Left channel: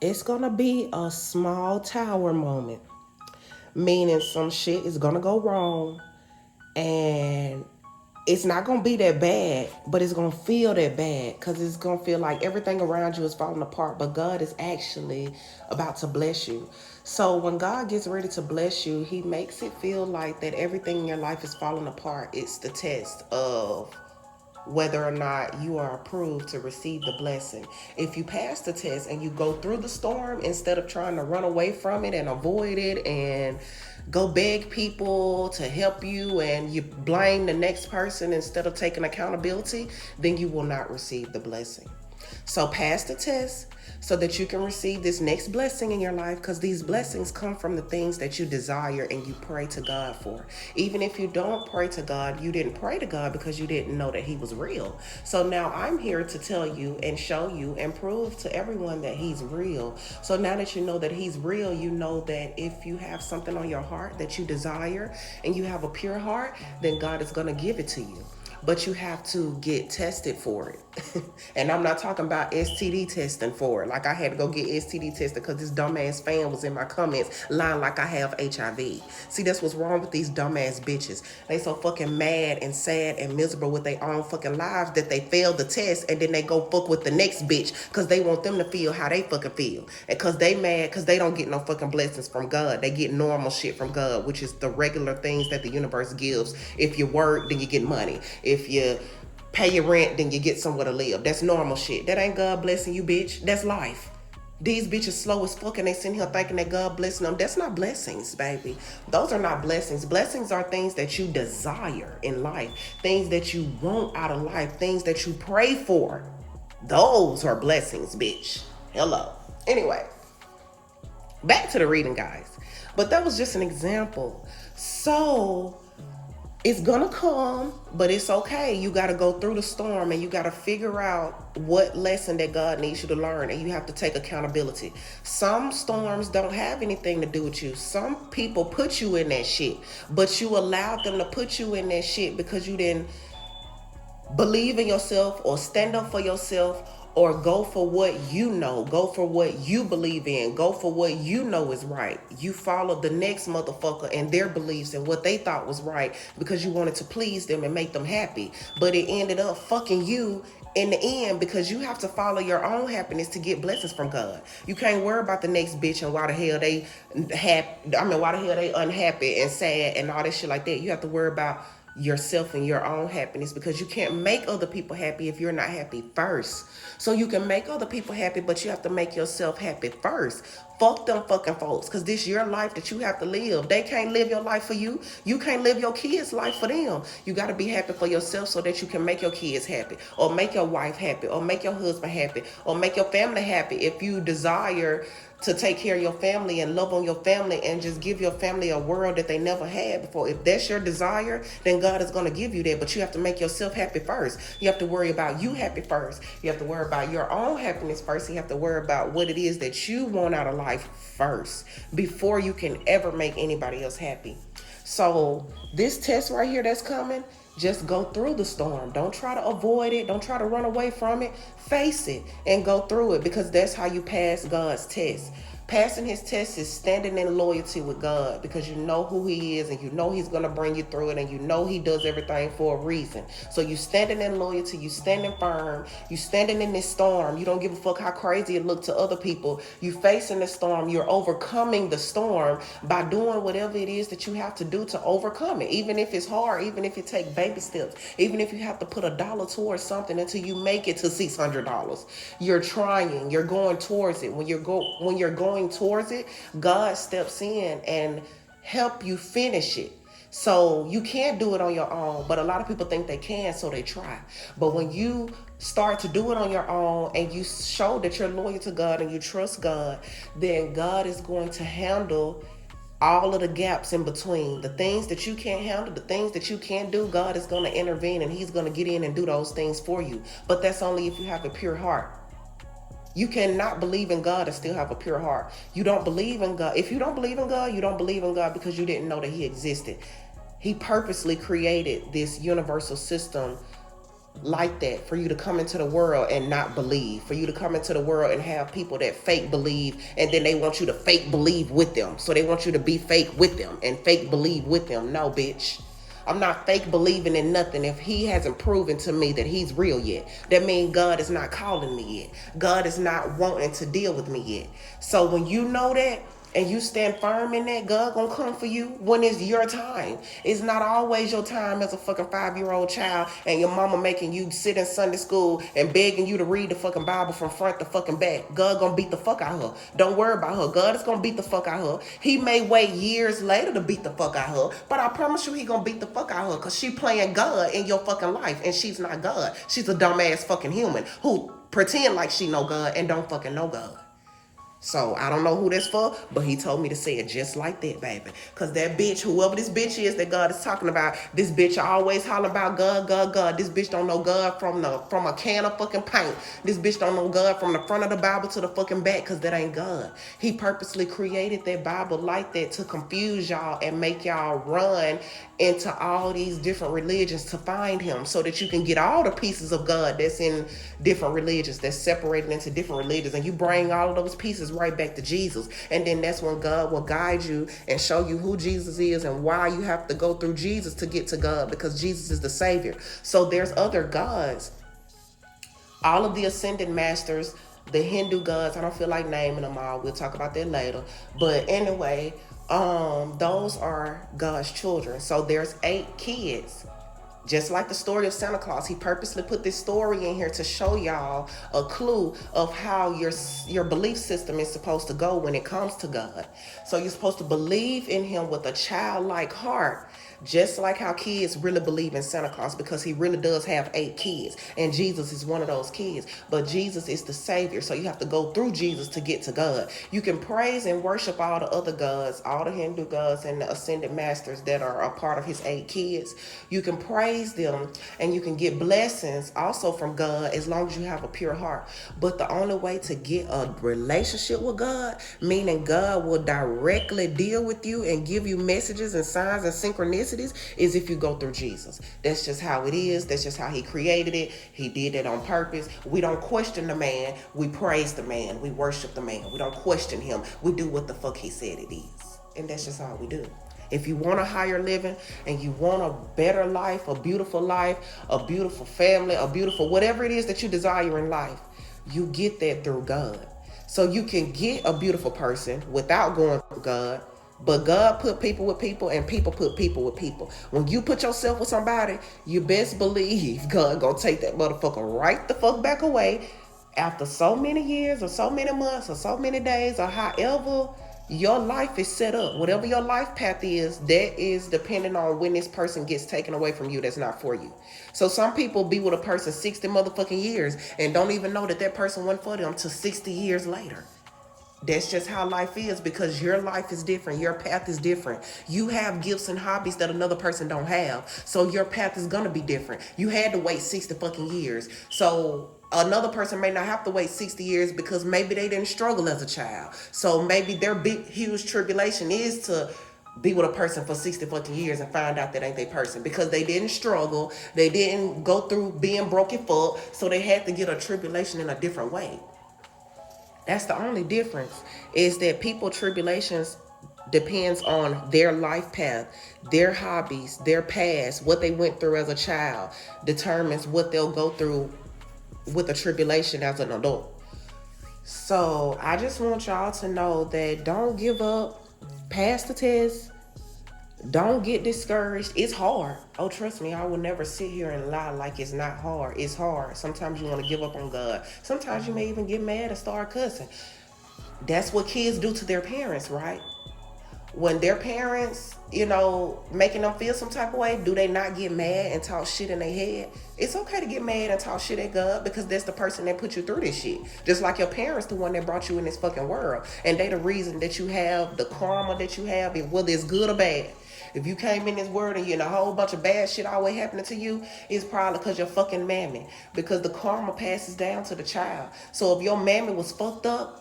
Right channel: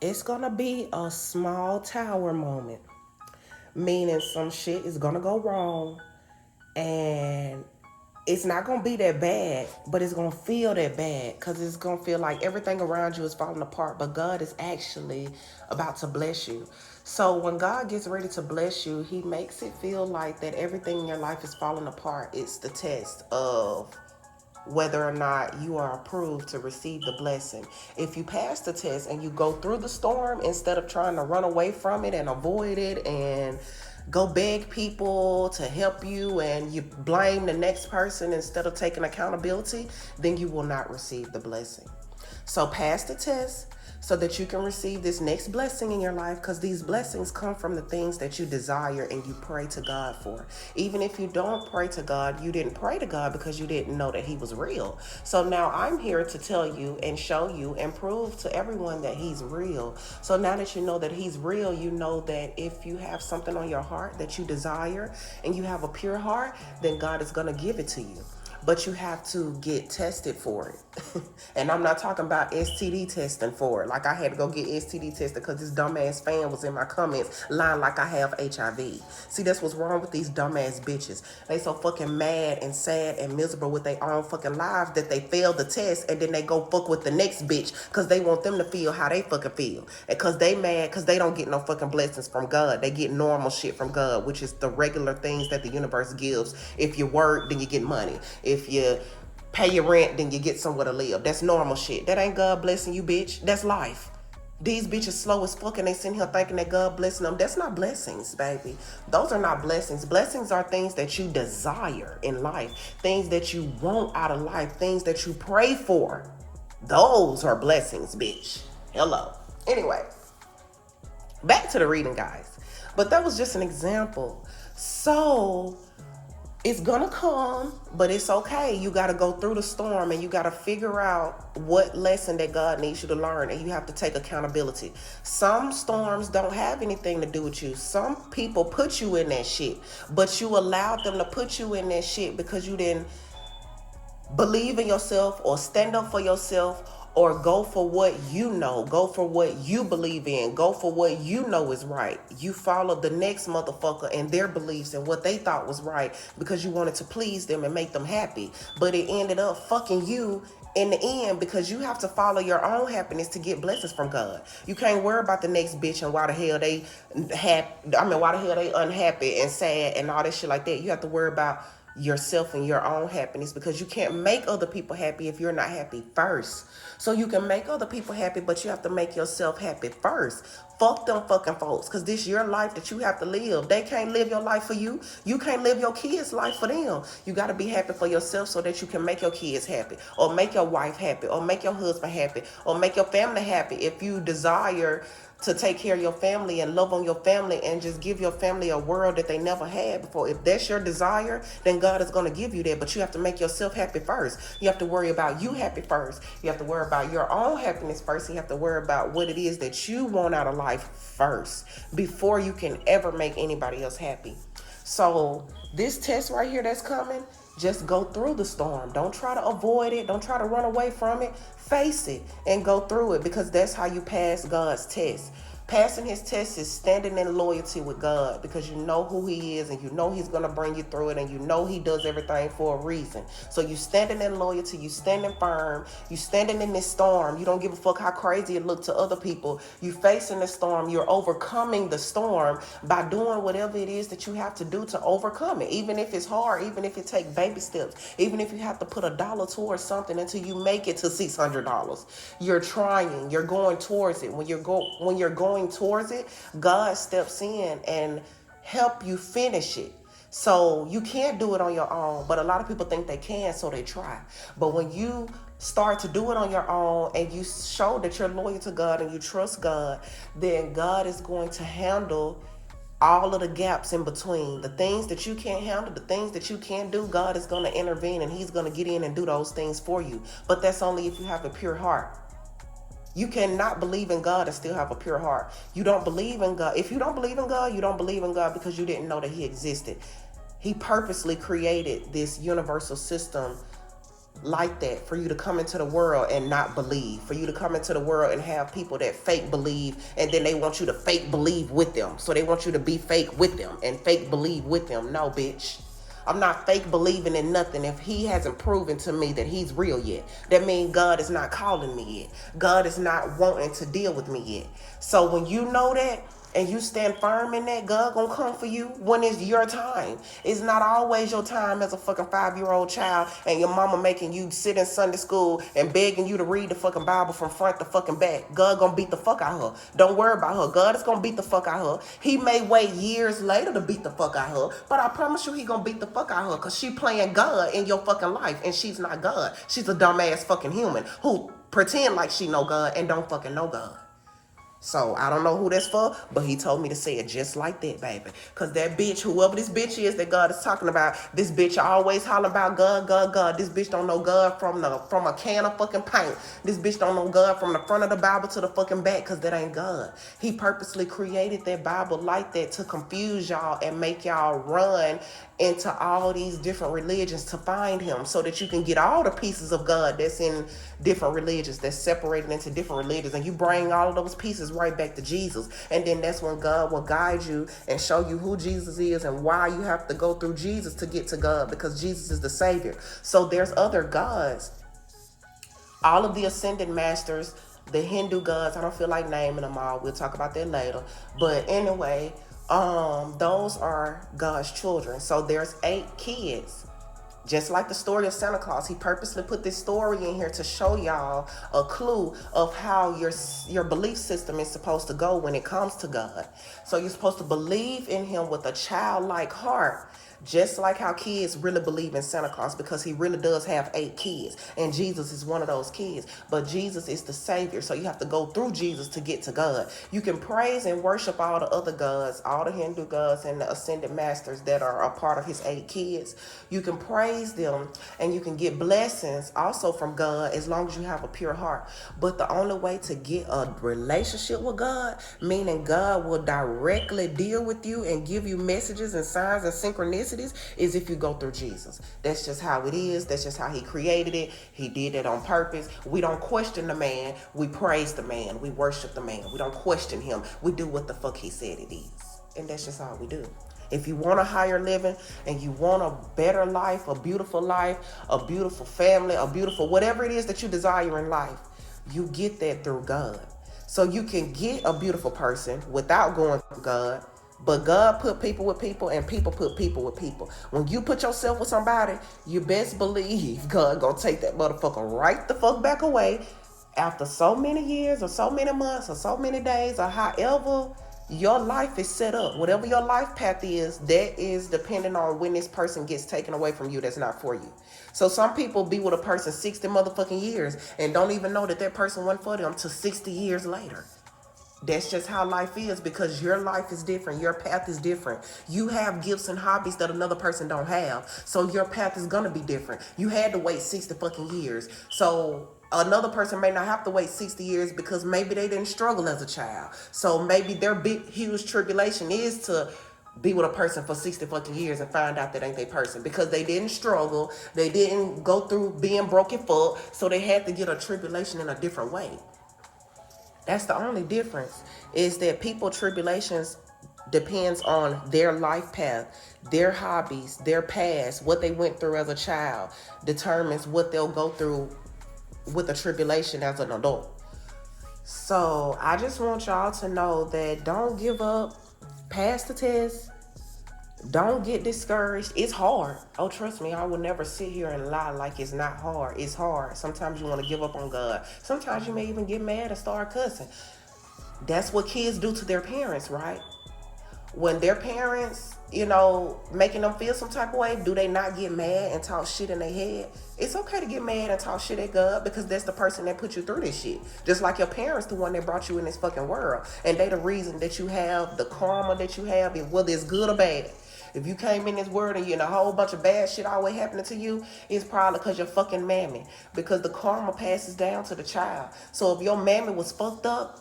It's gonna be a small tower moment, meaning some shit is gonna go wrong, and it's not gonna be that bad, but it's gonna feel that bad because it's gonna feel like everything around you is falling apart. But God is actually about to bless you. So when God gets ready to bless you, He makes it feel like that everything in your life is falling apart. It's the test of whether or not you are approved to receive the blessing. If you pass the test and you go through the storm instead of trying to run away from it and avoid it and go beg people to help you and you blame the next person instead of taking accountability, then you will not receive the blessing. So pass the test so that you can receive this next blessing in your life, because these blessings come from the things that you desire and you pray to God for. Even if you don't pray to God, you didn't pray to God because you didn't know that He was real. So now I'm here to tell you and show you and prove to everyone that He's real. So now that you know that He's real, you know that if you have something on your heart that you desire and you have a pure heart, then God is going to give it to you, but you have to get tested for it. And I'm not talking about STD testing for it. Like I had to go get STD tested because this dumbass fan was in my comments lying like I have HIV. See, that's what's wrong with these dumbass bitches. They so fucking mad and sad and miserable with their own fucking lives that they failed the test and then they go fuck with the next bitch because they want them to feel how they fucking feel. And because they mad because they don't get no fucking blessings from God. They get normal shit from God, which is the regular things that the universe gives. If you work, then you get money. If you pay your rent, then you get somewhere to live. That's normal shit. That ain't God blessing you, bitch. That's life. These bitches slow as fuck and they sitting here thinking that God blessing them. That's not blessings, baby. Those are not blessings. Blessings are things that you desire in life, things that you want out of life, things that you pray for. Those are blessings, bitch. Hello. Anyway, back to the reading, guys. But that was just an example. So it's gonna come, but it's okay. You gotta go through the storm and you gotta figure out what lesson that God needs you to learn, and you have to take accountability. Some storms don't have anything to do with you. Some people put you in that shit, but you allowed them to put you in that shit because you didn't believe in yourself or stand up for yourself or go for what you know, go for what you believe in, go for what you know is right. You followed the next motherfucker and their beliefs and what they thought was right because you wanted to please them and make them happy. But it ended up fucking you in the end because you have to follow your own happiness to get blessings from God. You can't worry about the next bitch and why the hell they why the hell they unhappy and sad and all that shit like that. You have to worry about yourself and your own happiness, because you can't make other people happy if you're not happy first. So you can make other people happy, but you have to make yourself happy first. Fuck them fucking folks, because this is your life that you have to live. They can't live your life for you. You can't live your kids' life for them. You got to be happy for yourself so that you can make your kids happy, or make your wife happy, or make your husband happy, or make your family happy. If you desire to take care of your family and love on your family and just give your family a world that they never had before. If that's your desire, then God is going to give you that. But you have to make yourself happy first. You have to worry about you happy first. You have to worry about your own happiness first. You have to worry about what it is that you want out of life first before you can ever make anybody else happy. So this test right here that's coming, just go through the storm. Don't try to avoid it. Don't try to run away from it. Face it and go through it, because that's how you pass God's test. Passing His test is standing in loyalty with God, because you know who He is and you know He's going to bring you through it, and you know He does everything for a reason. So you standing in loyalty, you standing firm, you standing in this storm. You don't give a fuck how crazy it look to other people. You facing the storm. You're overcoming the storm by doing whatever it is that you have to do to overcome it. Even if it's hard, even if it take baby steps, even if you have to put $1 towards something until you make it to $600. You're trying, you're going towards it. When you're going towards it, God steps in and help you finish it. So you can't do it on your own, but a lot of people think they can, so they try. But when you start to do it on your own and you show that you're loyal to God and you trust God, then God is going to handle all of the gaps in between. The things that you can't handle, the things that you can't do, God is going to intervene and He's going to get in and do those things for you. But that's only if you have a pure heart. You cannot believe in God and still have a pure heart. You don't believe in God. If you don't believe in God, you don't believe in God because you didn't know that He existed. He purposely created this universal system like that, for you to come into the world and not believe, for you to come into the world and have people that fake believe, and then they want you to fake believe with them. So they want you to be fake with them and fake believe with them. No, bitch. I'm not fake believing in nothing if he hasn't proven to me that he's real yet. That means God is not calling me yet. God is not wanting to deal with me yet. So when you know that, and you stand firm in that, God gonna come for you when it's your time. It's not always your time as a fucking 5-year-old child and your mama making you sit in Sunday school and begging you to read the fucking Bible from front to fucking back. God gonna beat the fuck out of her. Don't worry about her. God is gonna beat the fuck out of her. He may wait years later to beat the fuck out of her, but I promise you he gonna beat the fuck out of her, because she playing God in your fucking life, and she's not God. She's a dumbass fucking human who pretend like she know God and don't fucking know God. So I don't know who that's for, but he told me to say it just like that, baby. Because that bitch, whoever this bitch is that God is talking about, this bitch always holler about God, God, God. This bitch don't know God from a can of fucking paint. This bitch don't know God from the front of the Bible to the fucking back, because that ain't God. He purposely created that Bible like that to confuse y'all and make y'all run into all these different religions to find him, so that you can get all the pieces of God that's in different religions, that's separated into different religions, and you bring all of those pieces right back to Jesus. And then that's when God will guide you and show you who Jesus is and why you have to go through Jesus to get to God, because Jesus is the Savior. So there's other gods. All of the ascended masters, the Hindu gods, I don't feel like naming them all. We'll talk about that later. But anyway, those are God's children. So there's 8 kids. Just like the story of Santa Claus, he purposely put this story in here to show y'all a clue of how your belief system is supposed to go when it comes to God. So you're supposed to believe in him with a childlike heart, just like how kids really believe in Santa Claus, because he really does have 8 kids, and Jesus is one of those kids. But Jesus is the Savior, so you have to go through Jesus to get to God. You can praise and worship all the other gods, all the Hindu gods and the ascended masters that are a part of his 8 kids. You can praise them, and you can get blessings also from God, as long as you have a pure heart. But the only way to get a relationship with God, meaning God will directly deal with you and give you messages and signs and synchronicities, is if you go through Jesus. That's just how it is. That's just how he created it. He did it on purpose. We don't question the man. We praise the man. We worship the man. We don't question him. We do what the fuck he said it is. And that's just all we do. If you want a higher living and you want a better life, a beautiful family, a beautiful whatever it is that you desire in life, you get that through God. So you can get a beautiful person without going through God, but God put people with people, and people put people with people. When you put yourself with somebody, you best believe God gonna take that motherfucker right the fuck back away after so many years or so many months or so many days, or however your life is set up. Whatever your life path is, that is depending on when this person gets taken away from you that's not for you. So some people be with a person 60 motherfucking years and don't even know that person went for them till 60 years later. That's just how life is, because your life is different. Your path is different. You have gifts and hobbies that another person don't have. So your path is going to be different. You had to wait 60 fucking years. So another person may not have to wait 60 years because maybe they didn't struggle as a child. So maybe their big, huge tribulation is to be with a person for 60 fucking years and find out that ain't their person, because they didn't struggle. They didn't go through being broken fuck. So they had to get a tribulation in a different way. That's the only difference, is that people tribulations depends on their life path, their hobbies, their past, what they went through as a child determines what they'll go through with a tribulation as an adult. So I just want y'all to know that don't give up, pass the test, don't get discouraged. It's hard. Oh, trust me, I will never sit here and lie like it's not hard. It's hard. Sometimes you want to give up on God. Sometimes you may even get mad and start cussing. That's what kids do to their parents, right? When their parents, making them feel some type of way, do they not get mad and talk shit in their head? It's okay to get mad and talk shit at God, because that's the person that put you through this shit. Just like your parents, the one that brought you in this fucking world. And they the reason that you have the karma that you have, whether it's good or bad. If you came in this world and a whole bunch of bad shit always happening to you, it's probably because you're fucking mammy. Because the karma passes down to the child. So if your mammy was fucked up,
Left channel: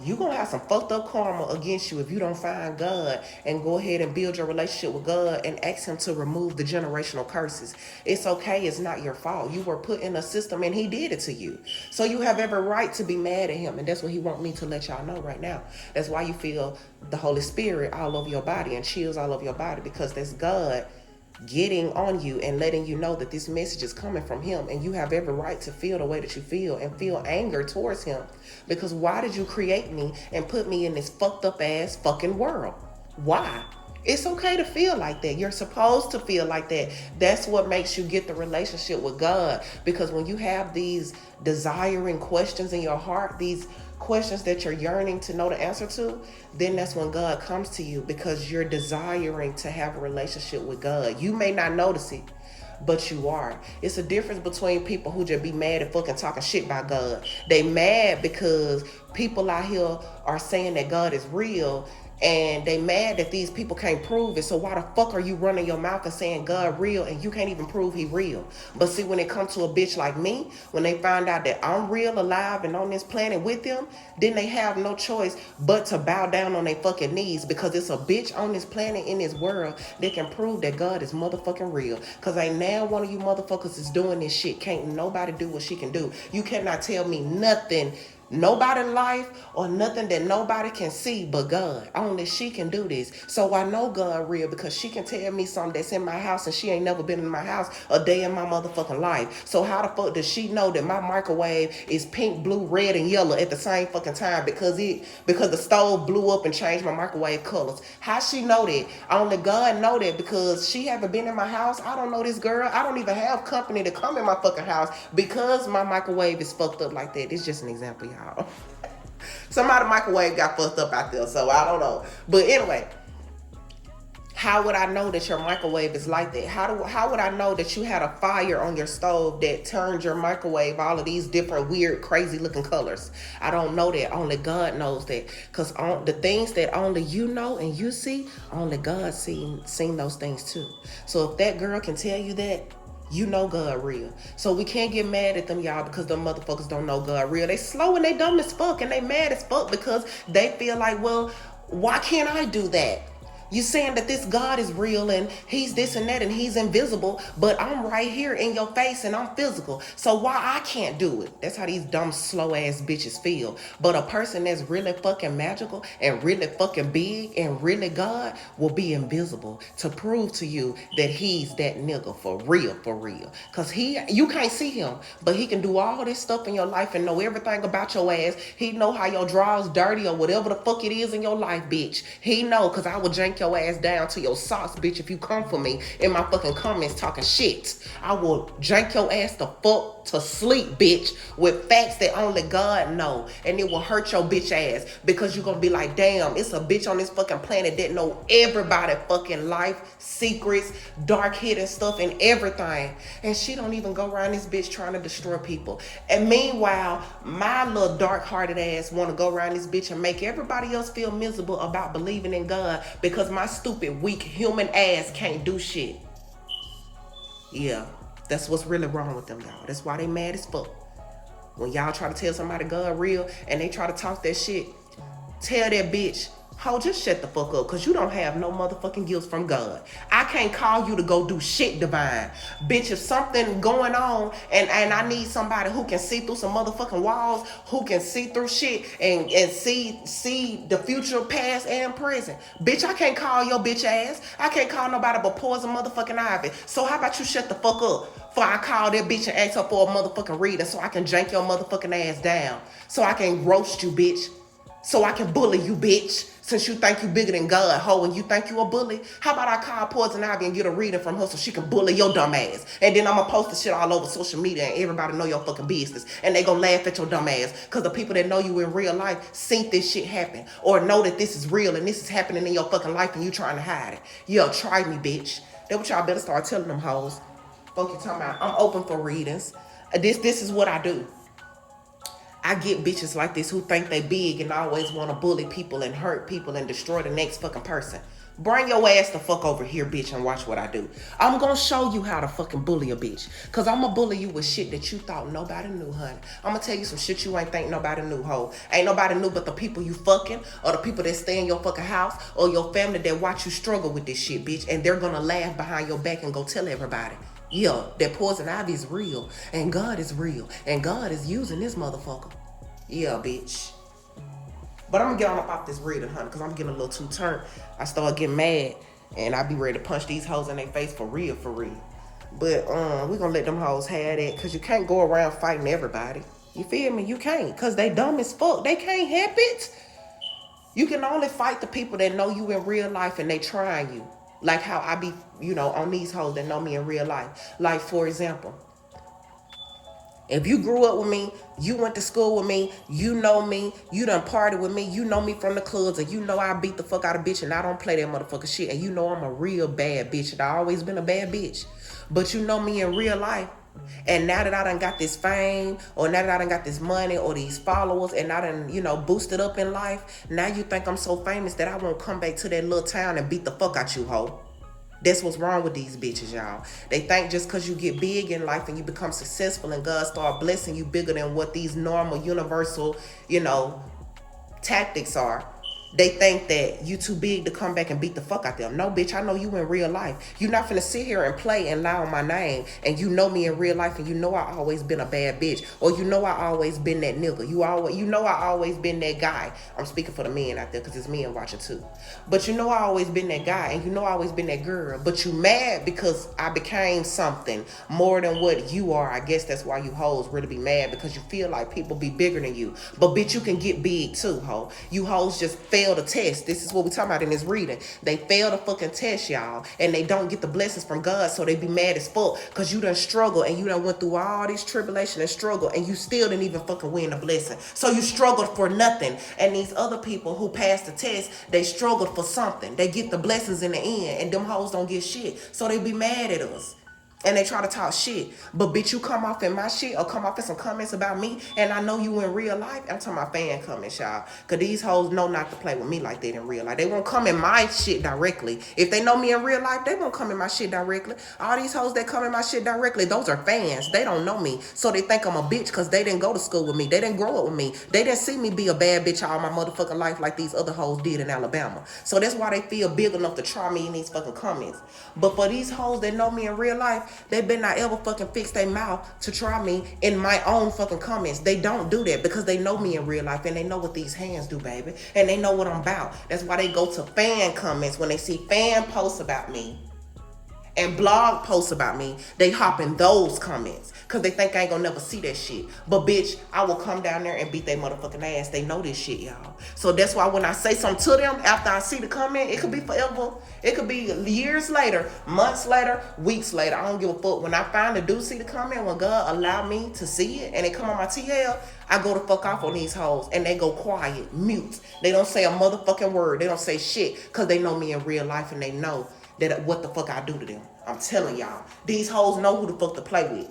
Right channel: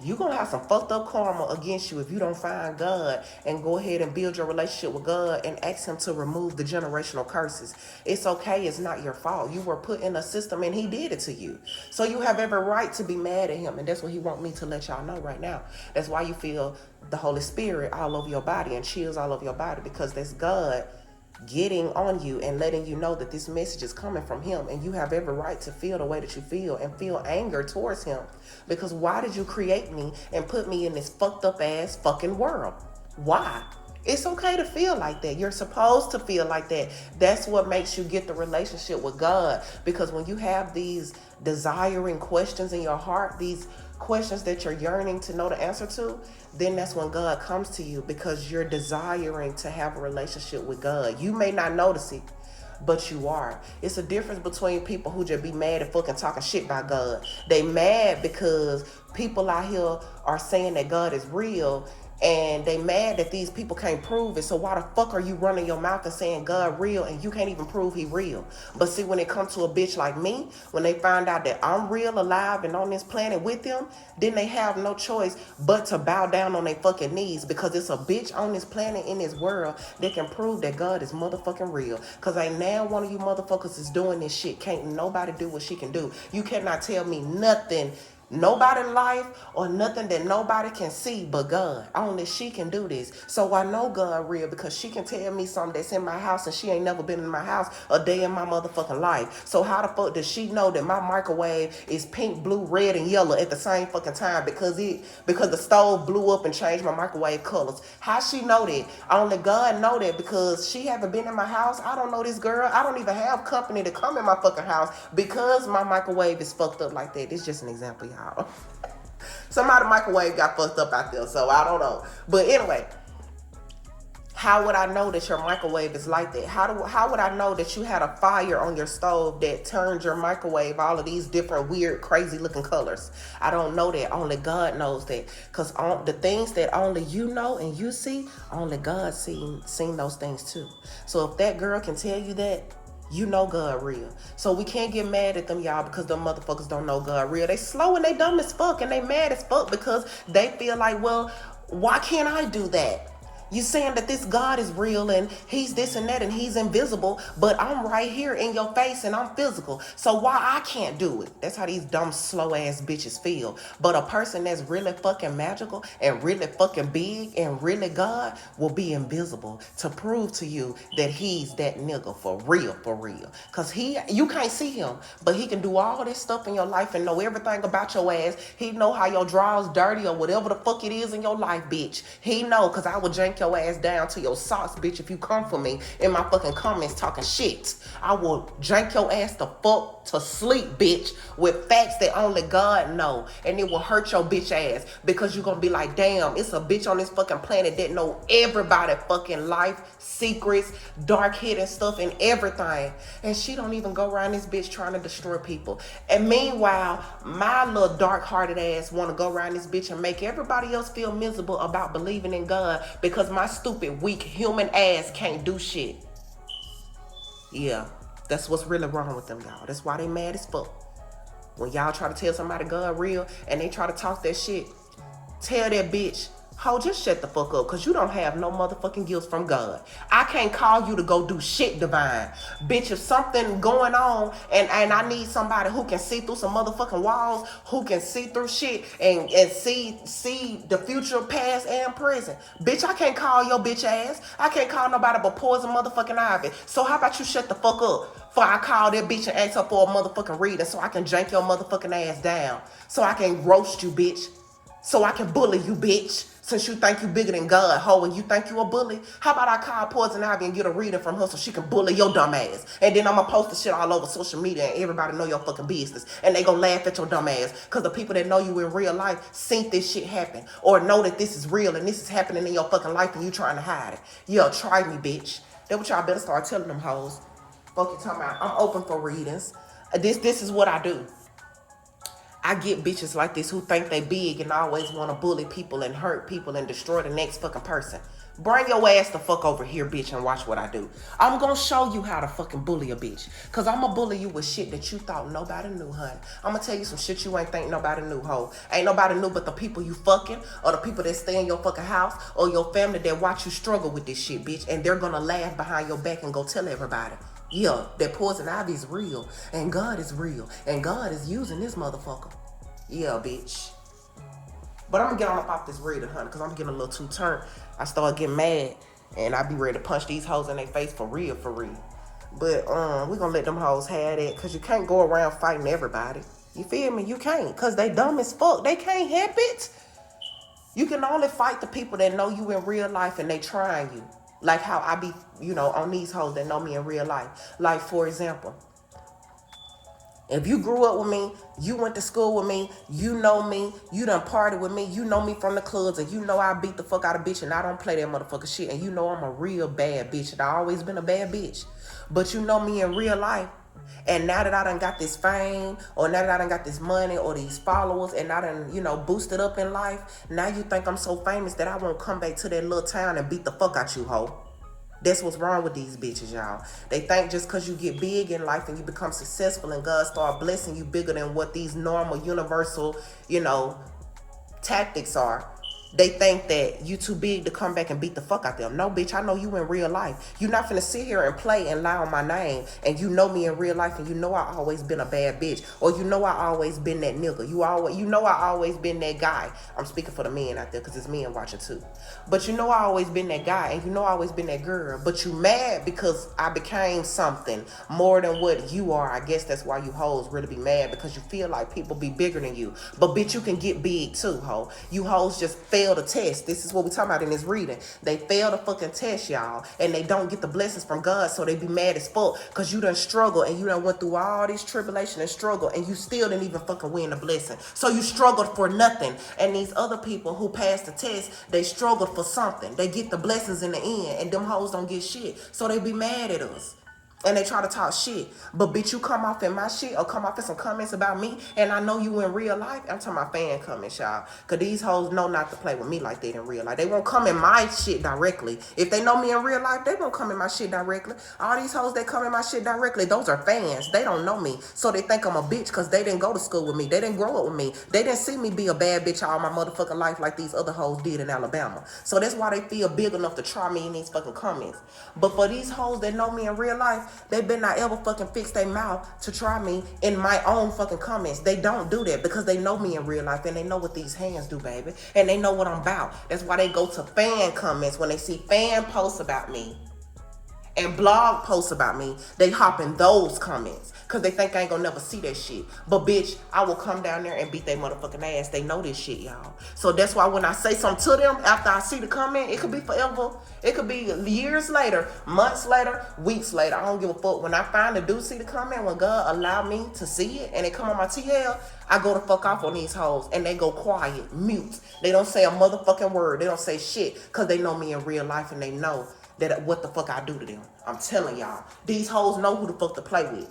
you're going to have some fucked up karma against you if you don't find God and go ahead and build your relationship with God and ask him to remove the generational curses. It's okay. It's not your fault. You were put in a system and he did it to you. So you have every right to be mad at him. And that's what he want me to let y'all know right now. That's why you feel the Holy Spirit all over your body and chills all over your body, because that's God getting on you and letting you know that this message is coming from him, and you have every right to feel the way that you feel and feel anger towards him, because why did you create me and put me in this fucked up ass fucking world? Why? It's okay to feel like that. You're supposed to feel like that. That's what makes you get the relationship with God, because when you have these desiring questions in your heart, these questions that you're yearning to know the answer to, then that's when God comes to you, because you're desiring to have a relationship with God. You may not notice it, but you are. It's a difference between people who just be mad and fucking talking shit about God. They mad because people out here are saying that God is real, and they mad that these people can't prove it. So why the fuck are you running your mouth and saying God real and you can't even prove he real? But see, when it comes to a bitch like me, when they find out that I'm real, alive, and on this planet with them, then they have no choice but to bow down on their fucking knees, because it's a bitch on this planet, in this world, that can prove that God is motherfucking real. Because ain't now one of you motherfuckers is doing this shit. Can't nobody do what she can do. You cannot tell me nothing, nobody life, or nothing that nobody can see but God. Only she can do this. So I know God real, because she can tell me something that's in my house and she ain't never been in my house a day in my motherfucking life. So how the fuck does she know that my microwave is pink, blue, red, and yellow at the same fucking time because the stove blew up and changed my microwave colors? How she know that? Only God know that, because she haven't been in my house. I don't know this girl. I don't even have company to come in my fucking house because my microwave is fucked up like that. It's just an example, y'all. Somebody microwave got fucked up out there, so I don't know. But anyway, how would I know that your microwave is like that? How would I know that you had a fire on your stove that turned your microwave all of these different weird, crazy looking colors? I don't know that. Only God knows that. Because the things that only you know and you see, only God seen those things too. So if that girl can tell you that, you know God real. So we can't get mad at them, y'all, because them motherfuckers don't know God real. They slow and they dumb as fuck, and they mad as fuck because they feel like, well, why can't I do that? You saying that this God is real and he's this and that and he's invisible, but I'm right here in your face and I'm physical. So why I can't do it? That's how these dumb, slow ass bitches feel. But a person that's really fucking magical and really fucking big and really God will be invisible to prove to you that he's that nigga for real, for real. Cause you can't see him, but he can do all this stuff in your life and know everything about your ass. He know how your drawers dirty or whatever the fuck it is in your life, bitch. He know, cause I will jank your ass down to your socks, bitch, if you come for me in my fucking comments talking shit. I will jank your ass the fuck to sleep, bitch, with facts that only God know. And it will hurt your bitch ass, because you're gonna be like, damn, it's a bitch on this fucking planet that know everybody fucking life, secrets, dark hidden stuff, and everything. And she don't even go around this bitch trying to destroy people. And meanwhile, my little dark-hearted ass want to go around this bitch and make everybody else feel miserable about believing in God, because my stupid, weak, human ass can't do shit. Yeah, that's what's really wrong with them, y'all. That's why they mad as fuck. When y'all try to tell somebody God real and they try to talk that shit, tell that bitch, ho, just shut the fuck up, because you don't have no motherfucking gifts from God. I can't call you to go do shit divine. Bitch, if something going on and I need somebody who can see through some motherfucking walls, who can see through shit and see the future, past, and present. Bitch, I can't call your bitch ass. I can't call nobody but Poison motherfucking Ivy. So how about you shut the fuck up before I call that bitch and ask her for a motherfucking reading, so I can jank your motherfucking ass down. So I can roast you, bitch. So I can bully you, bitch. Since you think you bigger than God, ho, and you think you a bully, how about I call Poison Ivy and get a reading from her so she can bully your dumb ass? And then I'm going to post the shit all over social media and everybody know your fucking business. And they going to laugh at your dumb ass, because the people that know you in real life seen this shit happen, or know that this is real and this is happening in your fucking life and you trying to hide it. Yo, try me, bitch. That's what y'all better start telling them hoes. Fuck you talking about. I'm open for readings. This is what I do. I get bitches like this who think they big and always want to bully people and hurt people and destroy the next fucking person. Bring your ass the fuck over here, bitch, and watch what I do. I'm gonna show you how to fucking bully a bitch. Cause I'm gonna bully you with shit that you thought nobody knew, honey. I'm gonna tell you some shit you ain't think nobody knew, ho. Ain't nobody knew but the people you fucking, or the people that stay in your fucking house, or your family that watch you struggle with this shit, bitch. And they're gonna laugh behind your back and go tell everybody. Yeah, that poison ivy is real, and God is real, and God is using this motherfucker. Yeah, bitch. But I'm gonna get on up off this reading, honey, because I'm getting a little too turned. I start getting mad, and I be ready to punch these hoes in their face for real, for real. But we gonna let them hoes have that, because you can't go around fighting everybody. You feel me? You can't, because they dumb as fuck. They can't help it. You can only fight the people that know you in real life and they trying you. Like how I be, on these hoes that know me in real life. Like, for example, if you grew up with me, you went to school with me, you know me, you done partied with me, you know me from the clubs, and you know I beat the fuck out of bitch and I don't play that motherfucker shit, and you know I'm a real bad bitch and I always been a bad bitch. But you know me in real life, and now that I done got this fame, or now that I done got this money or these followers, and I done, boosted up in life, now you think I'm so famous that I won't come back to that little town and beat the fuck out you, ho. That's what's wrong with these bitches, y'all. They think just because you get big in life and you become successful and God start blessing you bigger than what these normal, universal, tactics are. They think that you too big to come back and beat the fuck out them. No, bitch, I know you in real life. You're not finna sit here and play and lie on my name, and you know me in real life, and you know I always been a bad bitch, or you know I always been that nigga. You know I always been that guy. I'm speaking for the men out there, because it's men watching too. But you know I always been that guy, and you know I always been that girl. But you mad because I became something more than what you are. I guess that's why you hoes really be mad, because you feel like people be bigger than you. But bitch, you can get big too, ho. You hoes just fail the test. This is what we talking about in this reading. They fail the fucking test, y'all, and they don't get the blessings from God, so they be mad as fuck because you done struggle and you done went through all this tribulation and struggle, and you still didn't even fucking win the blessing. So you struggled for nothing. And these other people who passed the test, they struggled for something. They get the blessings in the end, and them hoes don't get shit. So they be mad at us. And they try to talk shit. But bitch, you come off in my shit or come off in some comments about me, and I know you in real life. I'm talking about fan comments, y'all. Because these hoes know not to play with me like that in real life. They won't come in my shit directly. If they know me in real life, they won't come in my shit directly. All these hoes that come in my shit directly, those are fans. They don't know me. So they think I'm a bitch because they didn't go to school with me. They didn't grow up with me. They didn't see me be a bad bitch all my motherfucking life like these other hoes did in Alabama. So that's why they feel big enough to try me in these fucking comments. But for these hoes that know me in real life, they better not ever fucking fix their mouth to try me in my own fucking comments. They don't do that because they know me in real life, and they know what these hands do, baby. And they know what I'm about. That's why they go to fan comments when they see fan posts about me and blog posts about me. They hop in those comments because they think I ain't gonna never see that shit. But bitch, I will come down there and beat their motherfucking ass. They know this shit, y'all. So that's why when I say something to them after I see the comment, it could be forever. It could be years later, months later, weeks later. I don't give a fuck. When I finally do see the comment, when God allow me to see it and it come on my TL, I go the fuck off on these hoes and they go quiet, mute. They don't say a motherfucking word. They don't say shit because they know me in real life and they know that what the fuck I do to them. I'm telling y'all. These hoes know who the fuck to play with.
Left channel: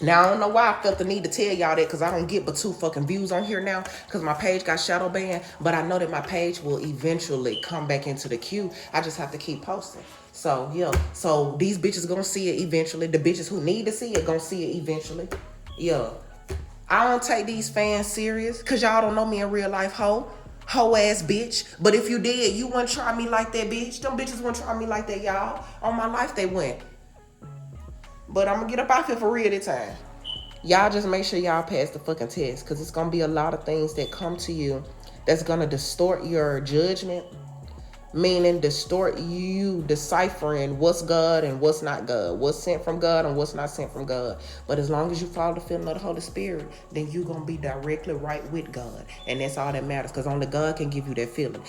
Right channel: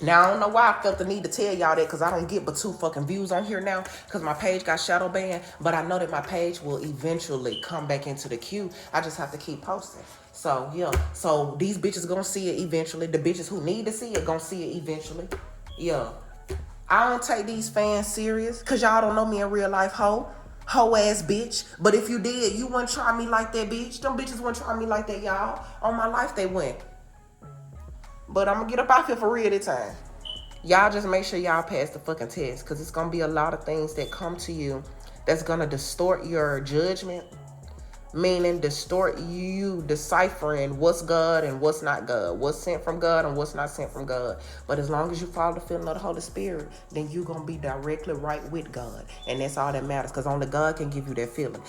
Now, I don't know why I felt the need to tell y'all that, because I don't get but 2 fucking views on here now because my page got shadow banned. But I know that my page will eventually come back into the queue. I just have to keep posting. So, yeah. So, these bitches gonna see it eventually. The bitches who need to see it gonna see it eventually. Yeah. I don't take these fans serious because y'all don't know me in real life, hoe ass bitch. But if you did, you wouldn't try me like that, bitch. Them bitches wouldn't try me like that, y'all. On my life, they wouldn't. But I'm gonna get up out here for real this time. Y'all just make sure y'all pass the fucking test, because it's gonna be a lot of things that come to you that's gonna distort your judgment, meaning distort you deciphering what's God and what's not God, what's sent from God and what's not sent from God. But as long as you follow the feeling of the Holy Spirit, then you're gonna be directly right with God, and that's all that matters, because only God can give you that feeling.